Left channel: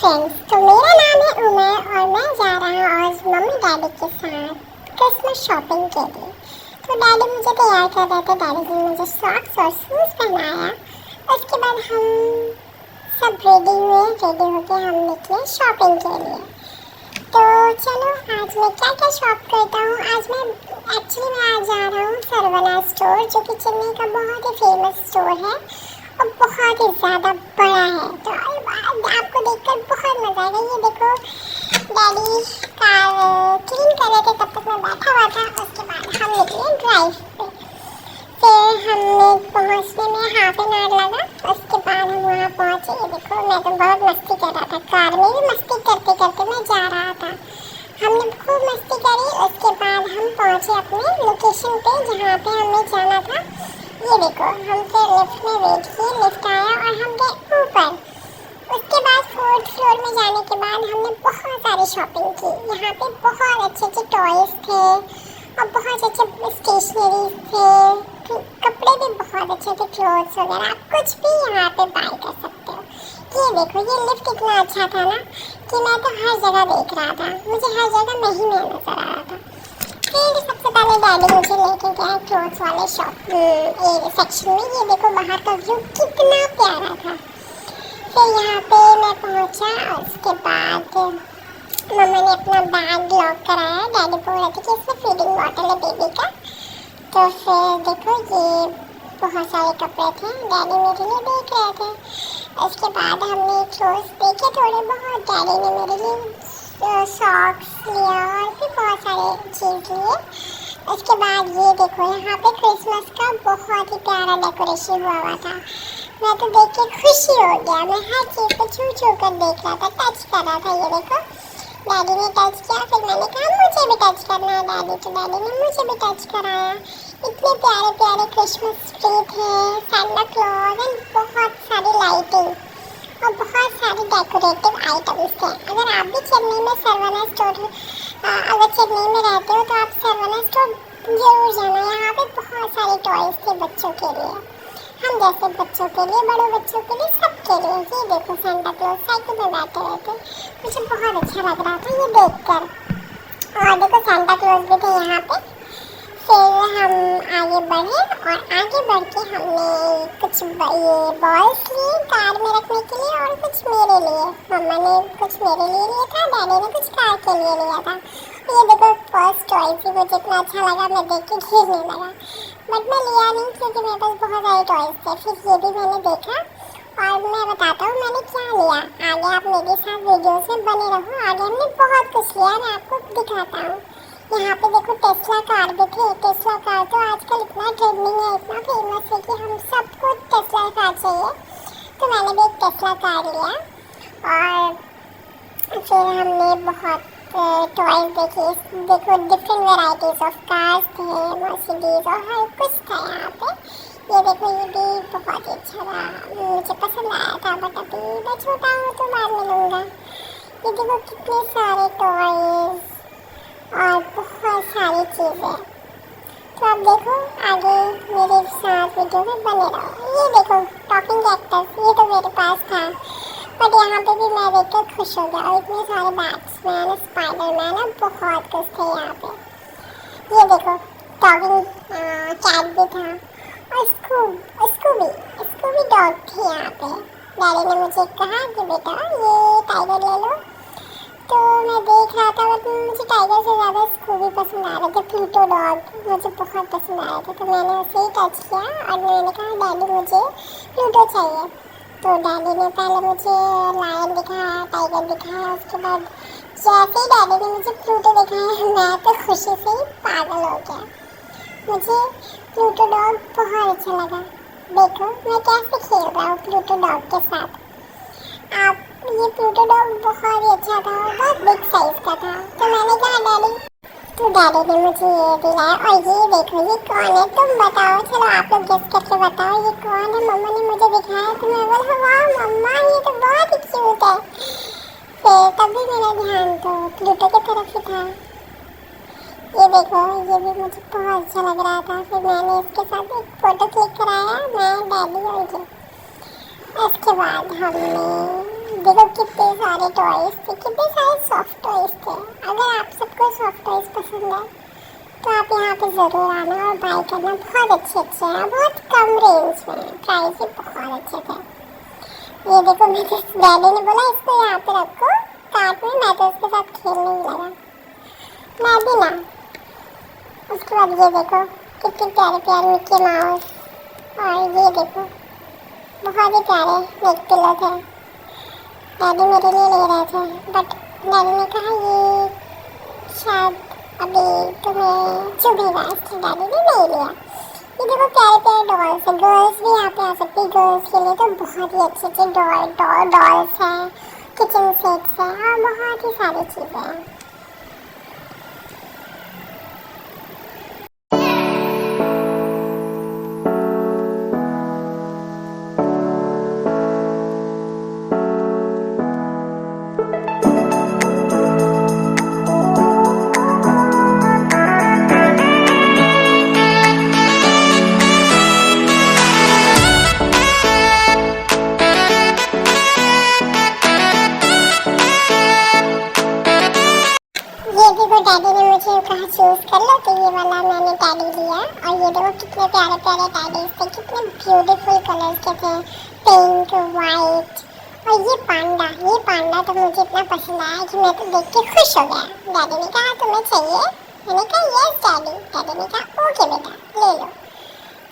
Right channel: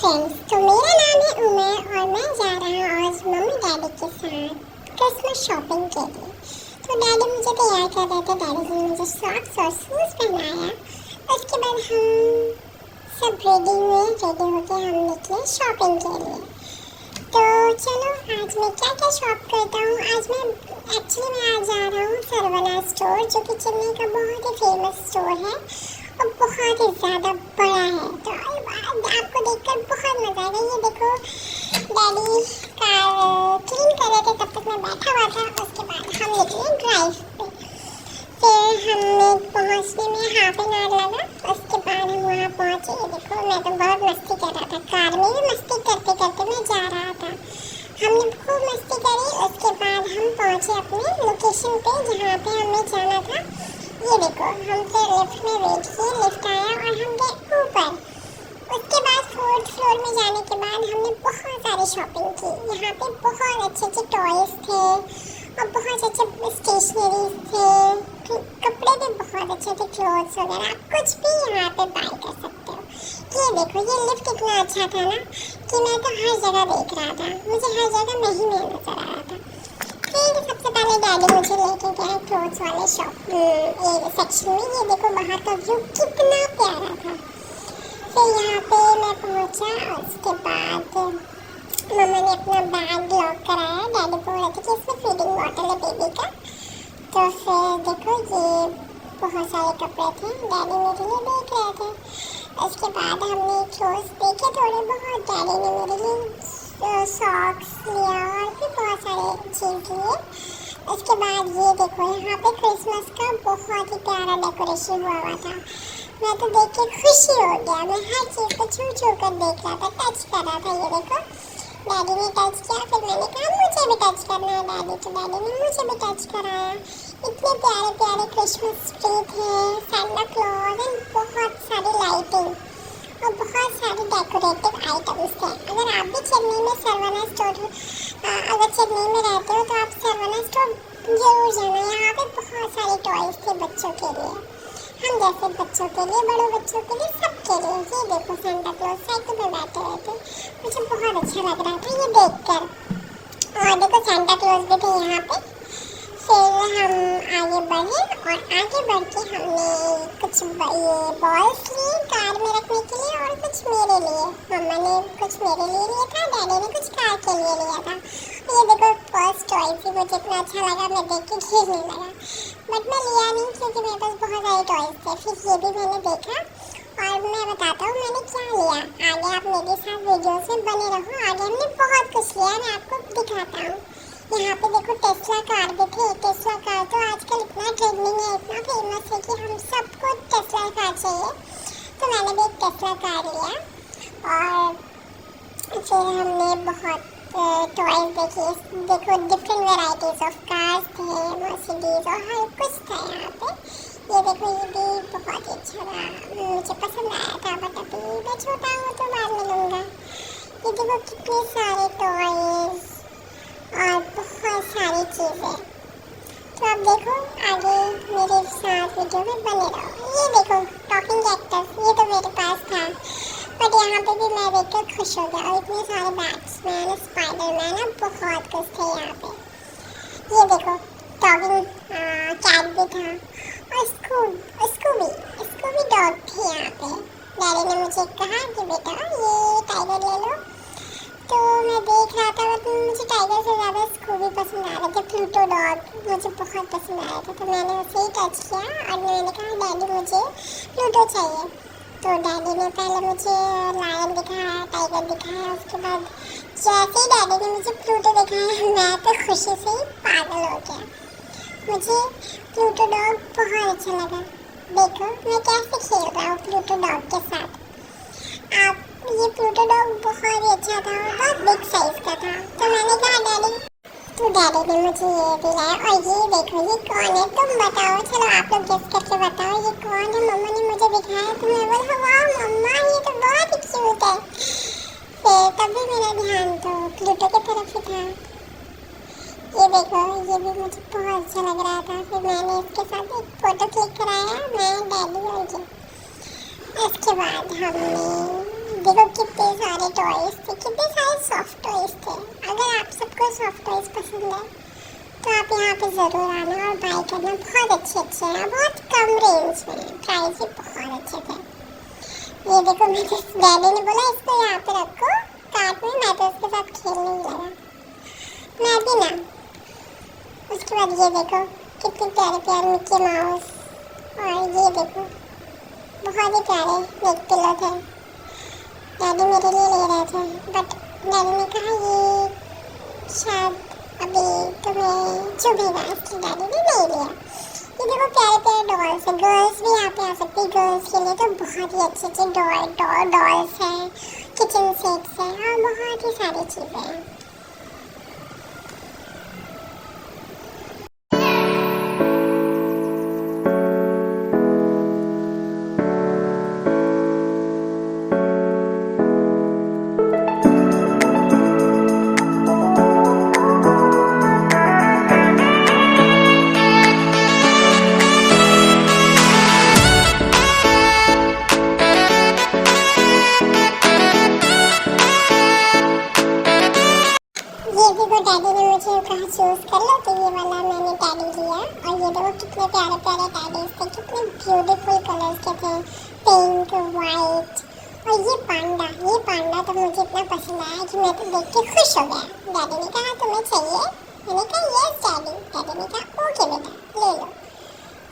Friends, तो मेरा नाम है उमर और मैं जा रहा हूँ आज मम्मी डैडी के साथ क्रिसमस शॉपिंग के लिए। तो डैडी मुझे तैयार कर रहे थे। डैडी जी ने मुझे सॉक्स और शूज़ पहनाया। उसके बाद हम सब रेडी हुए। रेडी होके हम निकले शॉपिंग के लिए। तो चलो आज मैं क्या क्या शॉप करता हूँ। आज मैं आज जा रहा हूँ सरवना स्टोर, जो कि चेन्नई का बहुत ही फेमस स्टोर है और बहुत ही ज़्यादा बड़ा है। तो आपको देखकर बहुत मज़ा आएगा। ये देखो, डैडी कार क्लीन कर रहे थे, तब तक मैं बैठा हुआ था। उसके बाद हम निकले ड्राइव पे। फिर हमने पहुंचने में हाफ एन आवर लगा। उसके बाद हम वहाँ पहुँचे। ये देखो, मैं तो बहुत मस्ती कर रहा था। कार में भी मस्ती करते करते मैं जा रहा था। हमने खूब मस्ती करी। उसके बाद हम पहुँचे अपने लोकेशन पे जहाँ पे हमें जाना था। ये देखो, हम फिर लिफ्ट में वेट किए। लिफ्ट आया और हम गए ऊपर। उसके बाद 4th फ्लोर में जाने के बाद हमने बहुत सारी शॉपिंग की। यहाँ पे बहुत अच्छे अच्छे टॉयज़ थे और बहुत अच्छे स्टेशनरीज थे। कपड़े भी बहुत अच्छे थे, क्लोथ्स वगैरह। आप कुछ भी यहाँ पे बाय कर सकते हो। ये देखो, ये लिफ्ट इतना अच्छा था ना कि मैं तो हर जगह देख रहा था। मुझे हर जगह नहीं में नजर आ रहा था। फिर सबसे पहले डैडी मुझे लेके गया क्लोथ्स वाले सेक्शन में। ये देखो, बाहर का व्यू कितना प्यारा था। फिर यहाँ पे मैं पहुँचा। उसके बाद मम्मा ने अपना बैग लॉक कराया। डैडी बोल रहे थे कि इसमें फीडिंग बॉटल है बेबी का। तो फिर देखो, ये बहुत सारे कपड़े थे, डैडी मेरे लिए देख रहे थे। उसके बाद हमने क्लोथ्स देखे थोड़े बहुत। डैडी ने मेरे लिए सॉक्स लिया और भी बहुत सारे चीज़ लिए। उसके बाद ये देखो, यहाँ पे क्रिसमस का बहुत ही प्यारा डेकोरेशन हुआ था। मैं तो देख के खुशी हो गया। मैं हर चीज़ को छू छू कर देख रहा था, टच कर रहा था। ये देखो, डैडी ने टच किया। फिर मैंने कहा मुझे भी टच करना है डैडी। तो डैडी ने मुझे भी टच कराया। इतने प्यारे प्यारे क्रिसमस ट्री थे, सैंटा क्लॉज एंड बहुत सारी लाइटिंग और बहुत सारे डेकोरेटिव आइटम्स थे। अगर आप भी चेन्नई में सरवना स्टोर अगर चेन्नई में रहते हो तो आप सरवना स्टोर जरूर जाना। यहाँ पे बहुत सारे टॉयज़ थे बच्चों के लिए, हम जैसे बच्चों के लिए, बड़ों बच्चों के लिए, सबके लिए। ये देखो, सैंटा क्लॉज साइकिल पे बैठे हुए थे। मुझे बहुत अच्छा लग रहा था ये देखकर। और देखो, सैंटा क्लॉज भी थे यहाँ पे। फिर हम आगे बढ़े और आगे बढ़ के हमने कुछ ये बॉल्स लिए कार में रखने के लिए और कुछ मेरे लिए। मम्मा ने कुछ मेरे लिए लिया था, डैडी ने कुछ कार के लिए लिया था। ये देखो, फर्स्ट टॉयज भी मुझे इतना अच्छा लगा, मैं देख के खेलने लगा। बट मैं लिया नहीं क्योंकि मेरे पास बहुत सारे टॉयज थे। फिर ये भी मैंने देखा और मैं बताता हूँ मैंने क्या लिया। आगे आप मेरे साथ वीडियोस में बने रहो। आगे हमने बहुत कुछ लिया, मैं आपको दिखाता हूँ। यहाँ पे देखो, टेस्ला कार भी थी। टेस्ला कार तो आजकल इतना ट्रेंडिंग है, इतना फेमस है कि हम सबको टेस्ला कार चाहिए। तो मैंने भी एक टेस्ला कार लिया और फिर हमने बहुत टॉयज देखे। देखो, डिफरेंट वेराइटीज ऑफ कार्स थे, मर्सिडीज और हर कुछ था यहाँ पे। ये देखो, ये भी बहुत ही अच्छा था, मुझे पसंद आया था। बट अभी मैं छोटा हूँ तो बाद में लूँगा। ये देखो, कितने सारे टॉयज और बहुत सारी चीज़ें। तो अब देखो, आगे मेरे साथ वीडियो में बने रहो। ये देखो, टॉकिंग कैक्टस, ये तो मेरे पास था बट यहाँ पे भी मैं देख कर खुश हो गया। और इतने सारे बैट्समैन, स्पाइडरमैन और बहुत कुछ थे यहाँ पे। ये देखो, टॉकिंग कैट भी था और स्कूबी डॉग थी यहाँ पे। डैडी ने मुझे कहा कि बेटा ये टाइगर ले लो। तो मैं देख रहा था, मतलब मुझे टाइगर से ज़्यादा स्कूबी पसंद आ रहे थे। प्लूटो डॉग मुझे बहुत पसंद आया था। तो मैंने उसे ही टच किया और मैंने कहा डैडी मुझे प्लूटो चाहिए। तो डैडी ने पहले मुझे लायन दिखाया, टाइगर दिखाया। उसके बाद जैसे ही डैडी ने मुझे प्लूटो दिखाया, मैं तो खुशी से ही पागल हो गया। मुझे प्लूटो डॉग बहुत अच्छा लगा। देखो, मैं कैसे खेल रहा हूँ प्लूटो डॉग के साथ। आप ये प्लूटो डॉग बहुत ही अच्छा था और बहुत बिग साइज का था। तो मैंने कहा डैडी, तो डैडी ने मुझे ये दिलाया। और ये देखो, ये कौन है तुम बताओ। चलो आप लोग गेस करके बताओ ये कौन है। मम्मा ने मुझे दिखाया तो मैं बोला वाह मम्मा, ये तो बहुत ही क्यूट है। फिर तभी मेरा ध्यान तो प्लूटो की तरफ ही था। ये देखो, ये भी मुझे बहुत अच्छा लग रहा था। फिर मैंने इसके साथ एक फ़ोटो क्लिक कराया, मैं, डैडी और ये। इसके बाद हमने देखो कितने सारे टॉयज थे, कितने सारे सॉफ्ट टॉयज थे। अगर आप सबको सॉफ्ट टॉयज पसंद है तो आप यहाँ पे ज़रूर आना और बाय करना। बहुत अच्छे हैं, बहुत कम रेंज में, प्राइस भी बहुत अच्छे थे। ये देखो, मेरे डैडी ने बोला इसको यहाँ पे रखो कार्ट में, मैं तो उसके साथ खेलने ही लगा, मैं भी ना। उसके बाद ये देखो कितने प्यारे प्यारे मिक्की माउस, और ये देखो बहुत ही प्यारे नेक पिलो थे। डैडी मेरे लिए ले रहे थे, बट डैडी ने कहा ये शायद अभी तुम्हें चुभेगा, इसलिए डैडी ने नहीं लिया। ये देखो प्यारे प्यारे डॉल्स है, गर्ल्स भी यहाँ पे आ सकती है। गर्ल्स के लिए तो बहुत ही अच्छे अच्छे डॉल्स हैं, किचन सेट्स हैं और बहुत ही सारी चीज़ें हैं। डैडी ने मुझे कहा चूज कर लो, तो ये वाला मैंने टैडी लिया। और ये देखो कितने प्यारे प्यारे टैडीज थे, कितने ब्यूटीफुल कलर्स के थे, पिंक, वाइट। और ये पांडा तो मुझे इतना पसंद आया कि मैं तो देख के खुश हो गया। डैडी ने कहा तुम्हें चाहिए, मैंने कहा यस डैडी। डैडी ने कहा ओके बेटा ले लो।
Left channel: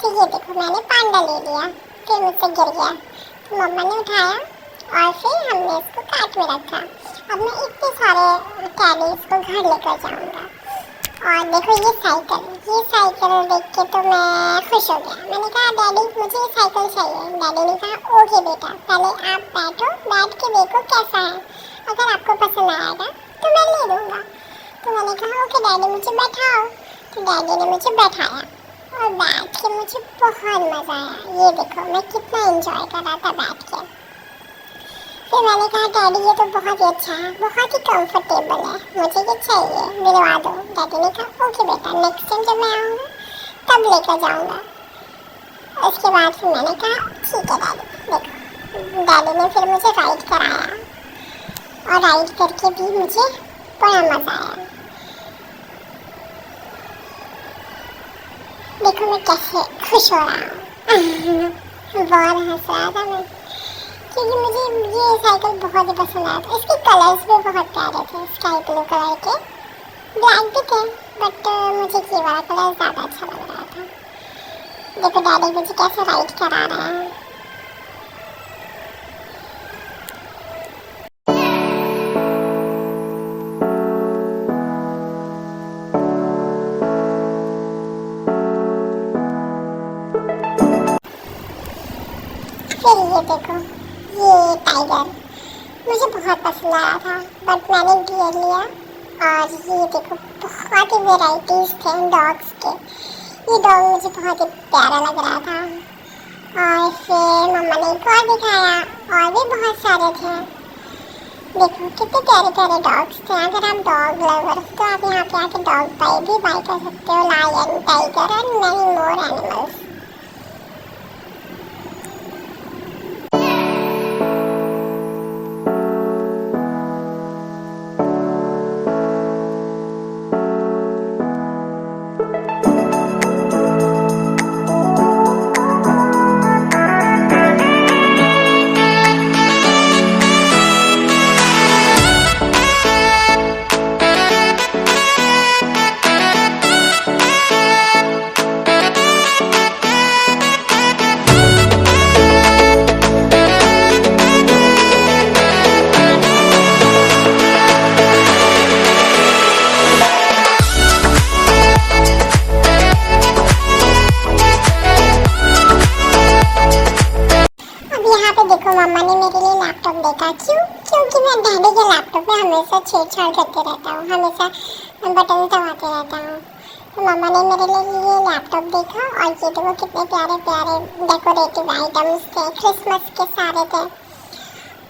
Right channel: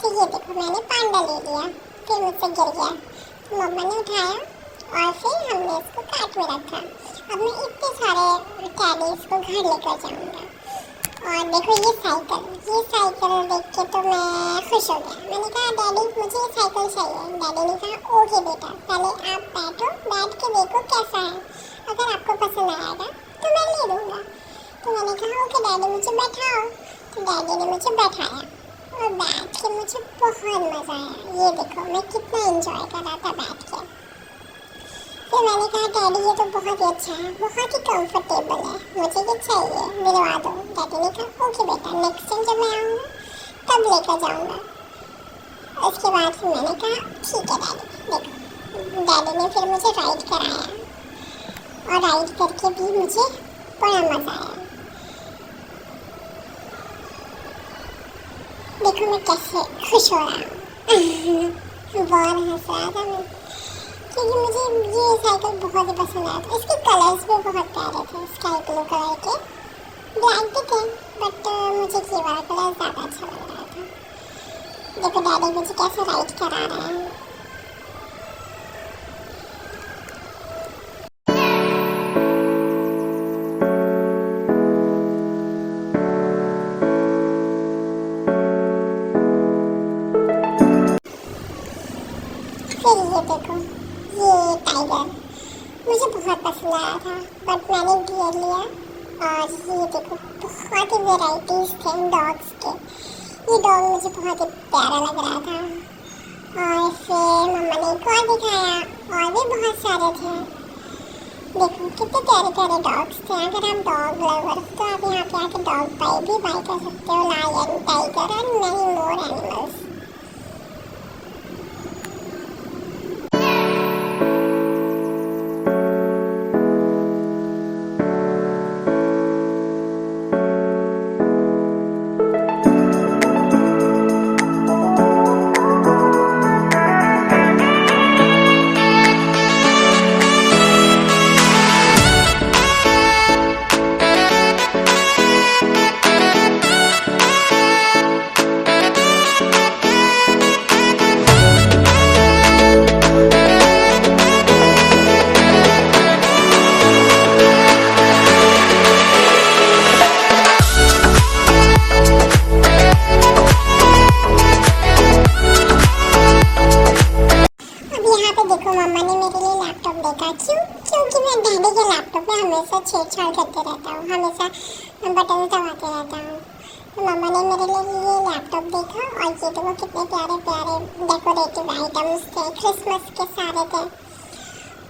तो ये देखो मैंने पांडा ले लिया, फिर मुझसे गिर गया तो मम्मा ने उठाया और फिर हमने इसको कार्ट में रखा। अब मैं इतने सारे टैडीज को घर लेकर जाऊंगा। और देखो ये साइकिल देख के तो मैं खुश हो गया। मैंने कहा डैडी मुझे ये साइकिल चाहिए। डैडी ने कहा ओके बेटा, पहले आप बैठो, बैठ के देखो कैसा है, अगर आपको पसंद आएगा तो मैं ले लूँगा। तो मैंने कहा ओके डैडी मुझे बैठाओ। तो डैडी ने मुझे बैठाया और बैठ के मुझे बहुत मज़ा आया। ये देखो मैं कितना एंजॉय कर रहा था बैठ के। फिर मैंने कहा डैडी ये तो बहुत ही अच्छा है, बहुत ही कंफर्टेबल है, मुझे ये चाहिए, दिलवा दो। डैडी ने कहा ओके बेटा, नेक्स्ट टाइम जब मैं आऊँगा तब लेकर जाऊँगा। उसके बाद फिर मैंने कहा ठीक है डैडी। देखो डैडी ने फिर मुझे राइड कराया और राइड करके भी मुझे बड़ा मज़ा आया। देखो मैं कैसे खुश हो रहा हूँ बहुत हंस रहा था मैं, क्योंकि मुझे ये साइकिल बहुत ही पसंद आया था। इसके कलर्स भी बहुत प्यारे थे, स्काई ब्लू कलर के, ब्लैक भी थे, बट मुझे ये वाला कलर ज़्यादा अच्छा लग रहा था। देखो डैडी मुझे कैसे राइड करा रहा है। फिर ये देखो ये टाइगर मुझे बहुत पसंद आया था, बट मैंने गियर लिया। और ये देखो बहुत ही वेराइटीज़ थे डॉग्स के। ये डॉग मुझे बहुत ही प्यारा लग रहा था। और फिर मम्मा ने एक और दिखाया, और भी बहुत सारे थे। देखो कितने प्यारे प्यारे डॉग्स थे। अगर आप डॉग लवर तो आप यहाँ पे आके डॉग बाय कर सकते हो। Lion, tiger and many more animals. क्योंकि मैं डैडी के लैपटॉप में हमेशा छेड़छाड़ करते रहता हूँ, हमेशा बटन दबाते रहता हूँ। तो मम्मा ने मेरे लिए ये लैपटॉप देखा और ये देखो कितने प्यारे प्यारे डेकोरेटिव आइटम्स थे, क्रिसमस के सारे थे।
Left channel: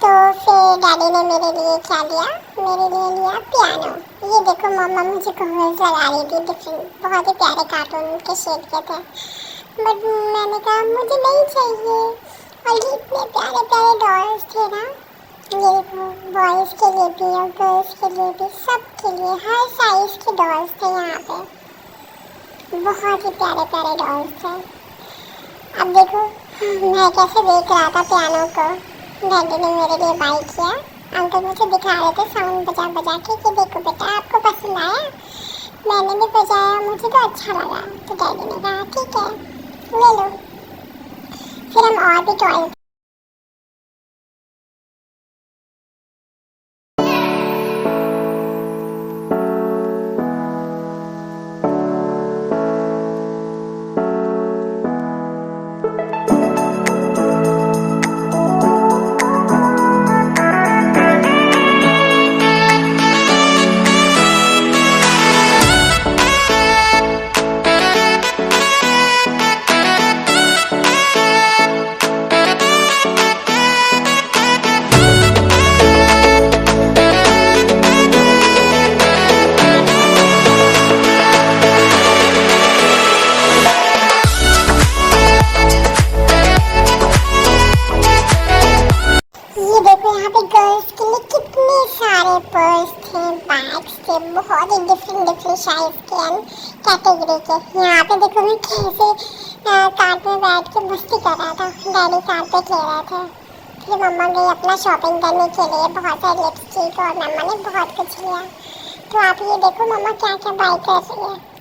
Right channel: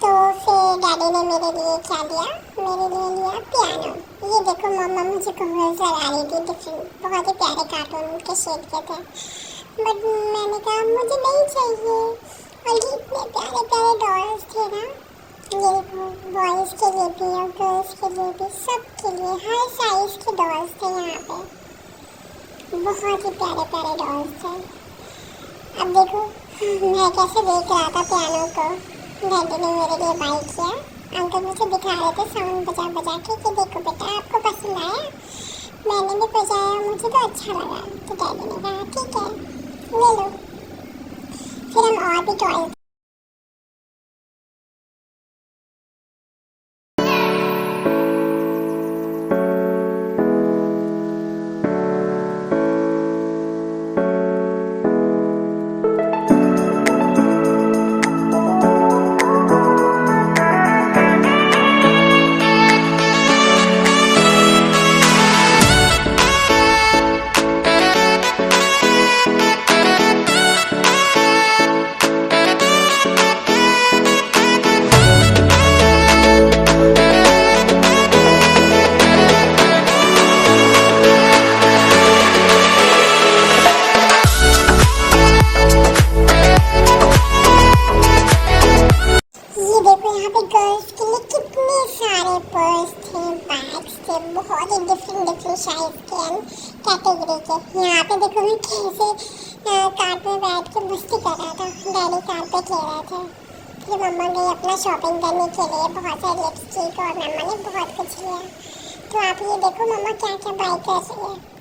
तो फिर डैडी ने मेरे लिए क्या लिया, मेरे लिए लिया पियानो। ये देखो मम्मा मुझे कवर्स लगा रही थी, डिफरेंट बहुत ही प्यारे कार्टून के शेड के थे, बट मैंने कहा मुझे नहीं चाहिए। और ये इतने प्यारे प्यारे डॉल्स थे ना, ये देखो, बॉयज के लिए भी और गर्ल्स के लिए भी, सबके लिए हर साइज के डॉल्स थे यहाँ पे। बहुत ही प्यारे प्यारे डॉल्स थे। अब देखो, मैं कैसे देख रहा था पियानो को, डैडी ने मेरे लिए बाई किया। अंकल मुझे दिखा रहे थे साउंड बजा बजा के कि देखो बेटा आपको पसंद आया। मैंने भी बजाया, मुझे तो अच्छा लगा। तो डैडी ने कहा ठीक है ले लो। फिर हम और भी टॉय पर्स थे, बैग्स थे, बहुत ही डिफरेंट साइज के एंड कैटेगरी के। यहाँ पे देखो मैं कैसे कार पे बैठ के मस्ती कर रहा था, डैडी कार पे खेल रहे थे। फिर मम्मा गई अपना शॉपिंग करने के लिए, बहुत सारे लिपस्टिक और मम्मा ने बहुत कुछ लिया। तो आप ये देखो मम्मा क्या क्या बाई कर रही है।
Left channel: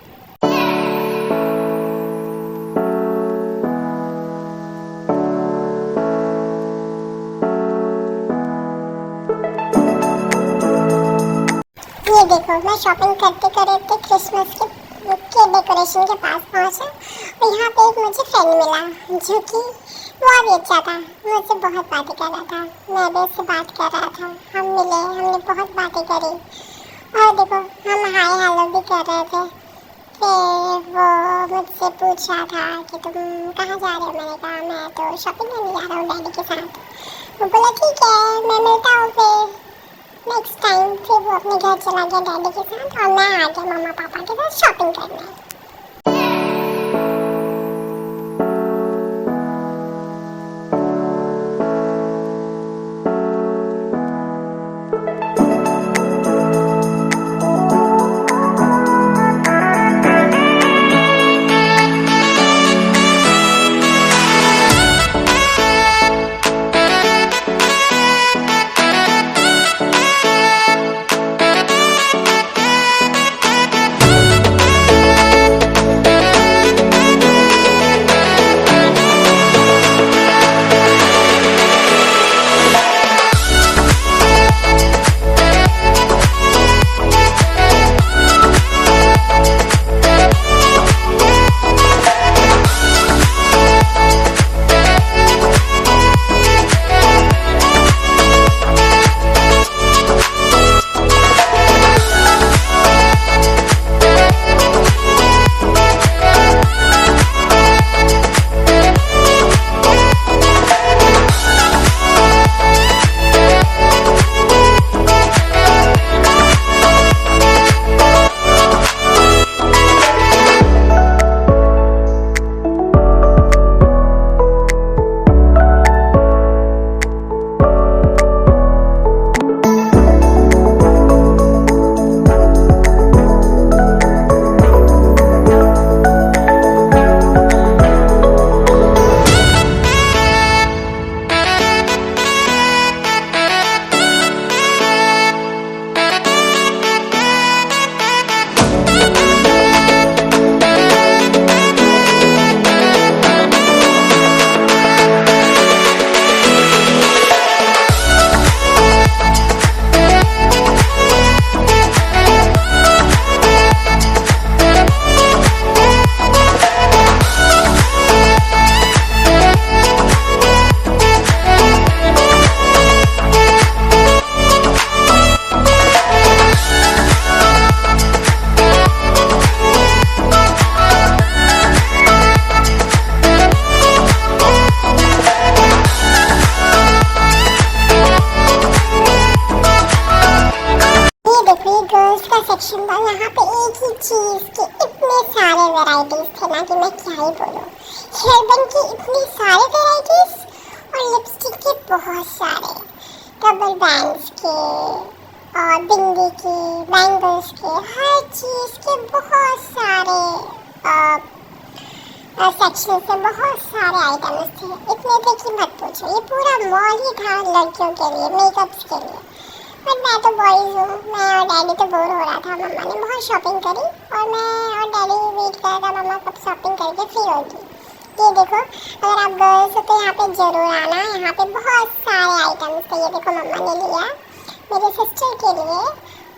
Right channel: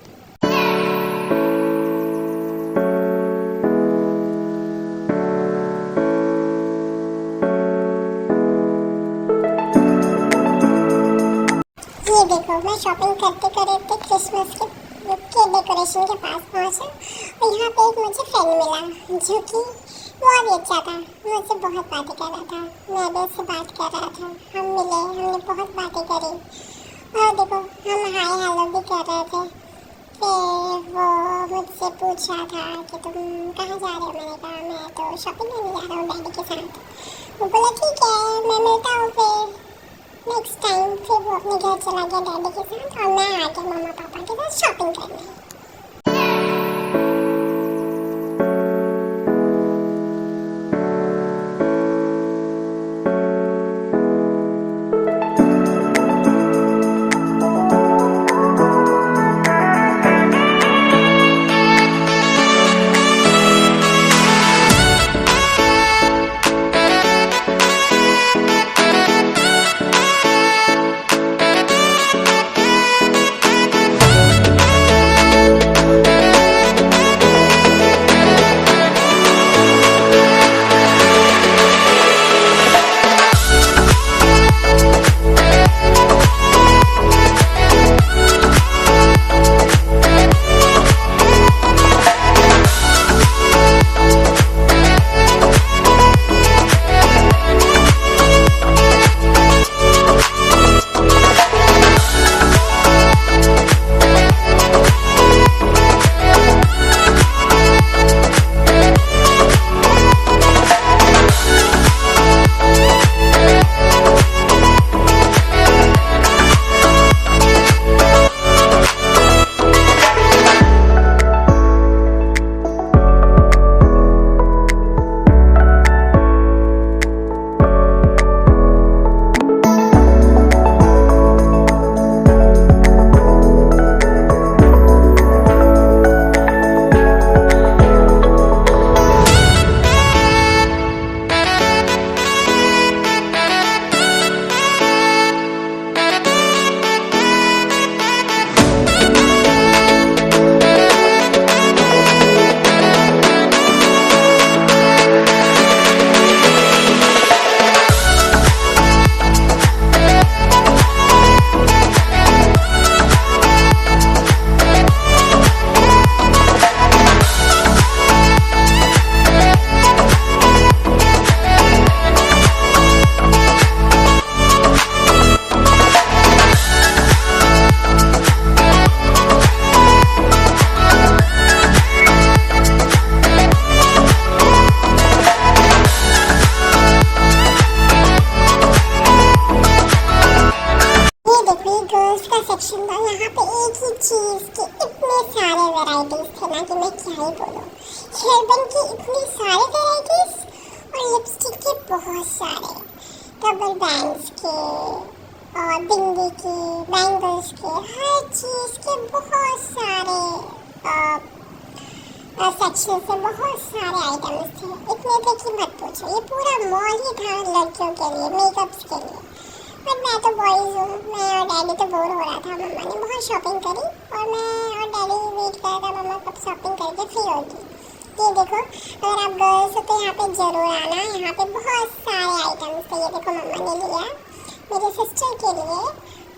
ये देखो मैं शॉपिंग करते करते क्रिसमस के डेकोरेशन के पास पहुंचा और यहाँ पे एक मुझे फ्रेंड मिला जो कि बहुत ही अच्छा था, मुझसे बहुत बातें कर रहा था। मैं भी उससे बात कर रहा था, हम मिले, हमने बहुत बातें करी और देखो हम हाय हेलो भी कर रहे थे। फिर वो मुझसे पूछ रहा था कि तुम कहाँ जा रहे हो। मैंने कहा मैं तो शॉपिंग करने जा रहा हूँ डैडी के साथ। वो बोला ठीक है मैं मिलता हूँ फिर नेक्स्ट टाइम। फिर वो अपने घर चला गया डैडी के साथ और मैं आ गया मम्मा पापा के साथ शॉपिंग करने। सेक्शन था, यहाँ पे एक ही चीज़ के इतने सारे वैरायटीज थे ना कि मैं क्या ही बोलूँ। हेयरबैंड की इतनी सारे वैरायटीज और लिपस्टिक के बहुत सारे। रबर बैंड्स के और बिंदी के, बैंगल्स के, हर चीज़ के बहुत सारे सेक्शन से बहुत सारे आइटम्स थे। इतने थे कि मत पूछो, ये पूरा मॉल ही था लड़कियों के लिए, मेकअप्स के लिए। बट मैं तो बॉयज़ हूँ, मैं और डैडी तो बोर हो रहा था। मम्मा ने बहुत शॉपिंग करी और मैं और डैडी वेट कर रहा था मम्मा कब शॉपिंग करके फ्री होगी। ये देखो, अगर आप गर्ल्स हो तो यहाँ पे ज़रूर आना, यहाँ पे बहुत सारे आइटम्स थे। ये देखो मम्मा ने लिया मेरे सिस्टर के लिए,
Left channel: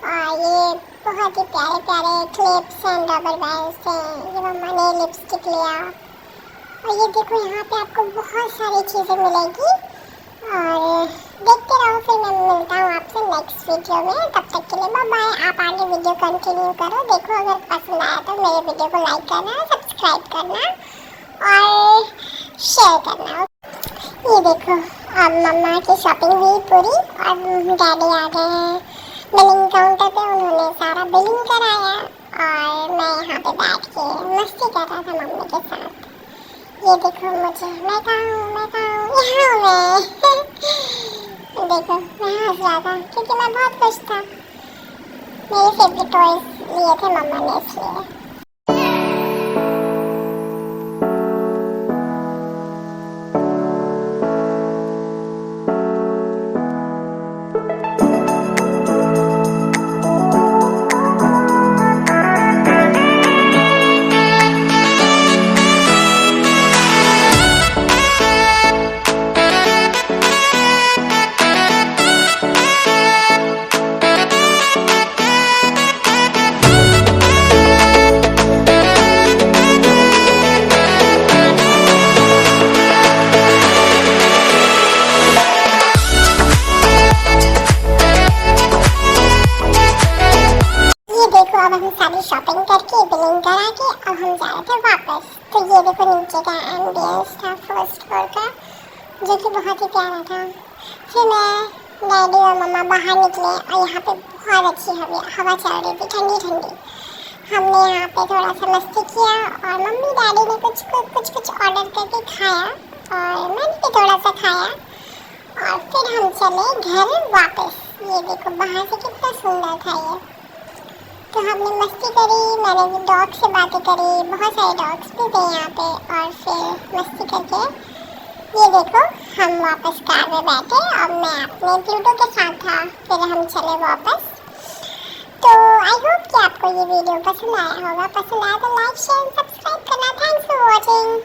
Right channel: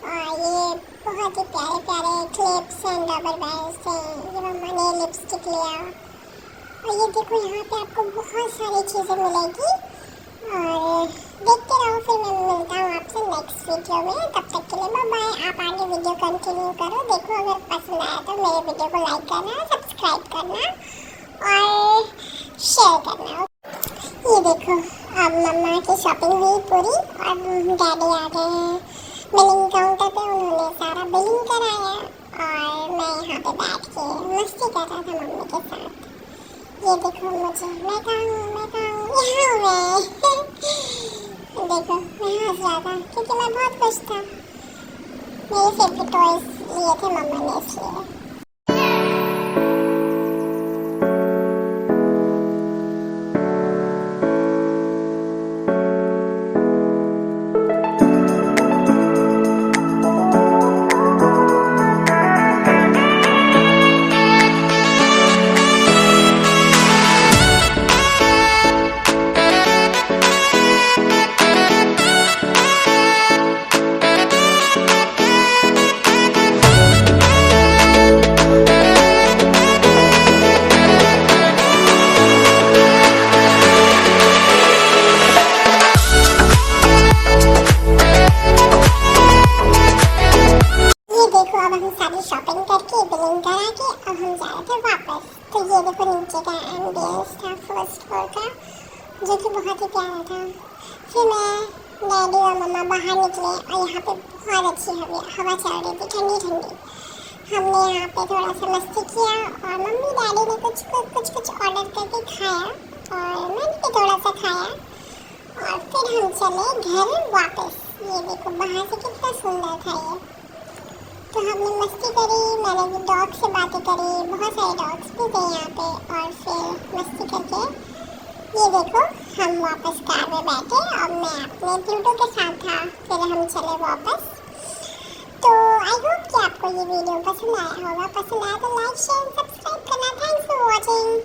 और ये बहुत ही प्यारे प्यारे क्लिप्स एंड रबर बैंड्स थे। ये मम्मा ने लिपस्टिक लिया, और ये देखो यहाँ पे आपको बहुत सारी चीज़ें मिलेगी। और देखते रहो, फिर मैं मिलता हूँ आपसे नेक्स्ट वीडियो में। तब तक के लिए बाय बाय। आप आगे वीडियो कंटिन्यू करो। देखो, अगर पसंद आया तो मेरे वीडियो को लाइक करना, सब्सक्राइब करना और शेयर करना। ये देखो, अब मम्मा की शॉपिंग हुई पूरी और डैडी आ गए हैं बिलिंग काउंटर पे। उन्होंने सारा बिलिंग कराया और मैं यहाँ पे बैठ के मस्ती कर रहा था मम्मी के साथ। ये देखो मुझे, मैं कहाँ हूँ, यहाँ हूँ मैं। देखो, मैं हंस रहा था क्योंकि मैं बहुत खुश था। मेरे फेवरेट टॉयज लिए थे मम्मा ने, इसलिए। अब हम सारी शॉपिंग करके बिलिंग करा के अब हम जा रहे थे वापस। तो ये देखो नीचे का एम्बियंस था फर्स्ट फ्लोर का, जो कि बहुत ही प्यारा था। फिर मैं, डैडी और मम्मा बाहर निकले और यहाँ पे बहुत अच्छी हवा चल रही थी, ठंडी ठंडी। हमने यहाँ पे थोड़ा सा मस्ती किया और मम्मी डैडी ने कुछ ऑर्डर करके खाया और मैंने भी थोड़ा सा खाया और फिर हम चले घर वापस। ये देखो बाहर से कितना सुंदर था ये। तो हमने मस्ती करी, मैंने डॉग से बातें करी, बहुत सारे डॉग्स भी थे यहाँ पे। और फिर मस्ती करके ये देखो हम वापस कार में बैठे और मैं अपने प्लूटो के साथ था। फिर हम चले वापस। तो आई होप कि आपको ये वीडियो पसंद आया होगा। पसंद आया तो लाइक शेयर सब्सक्राइब करना। Thanks for watching.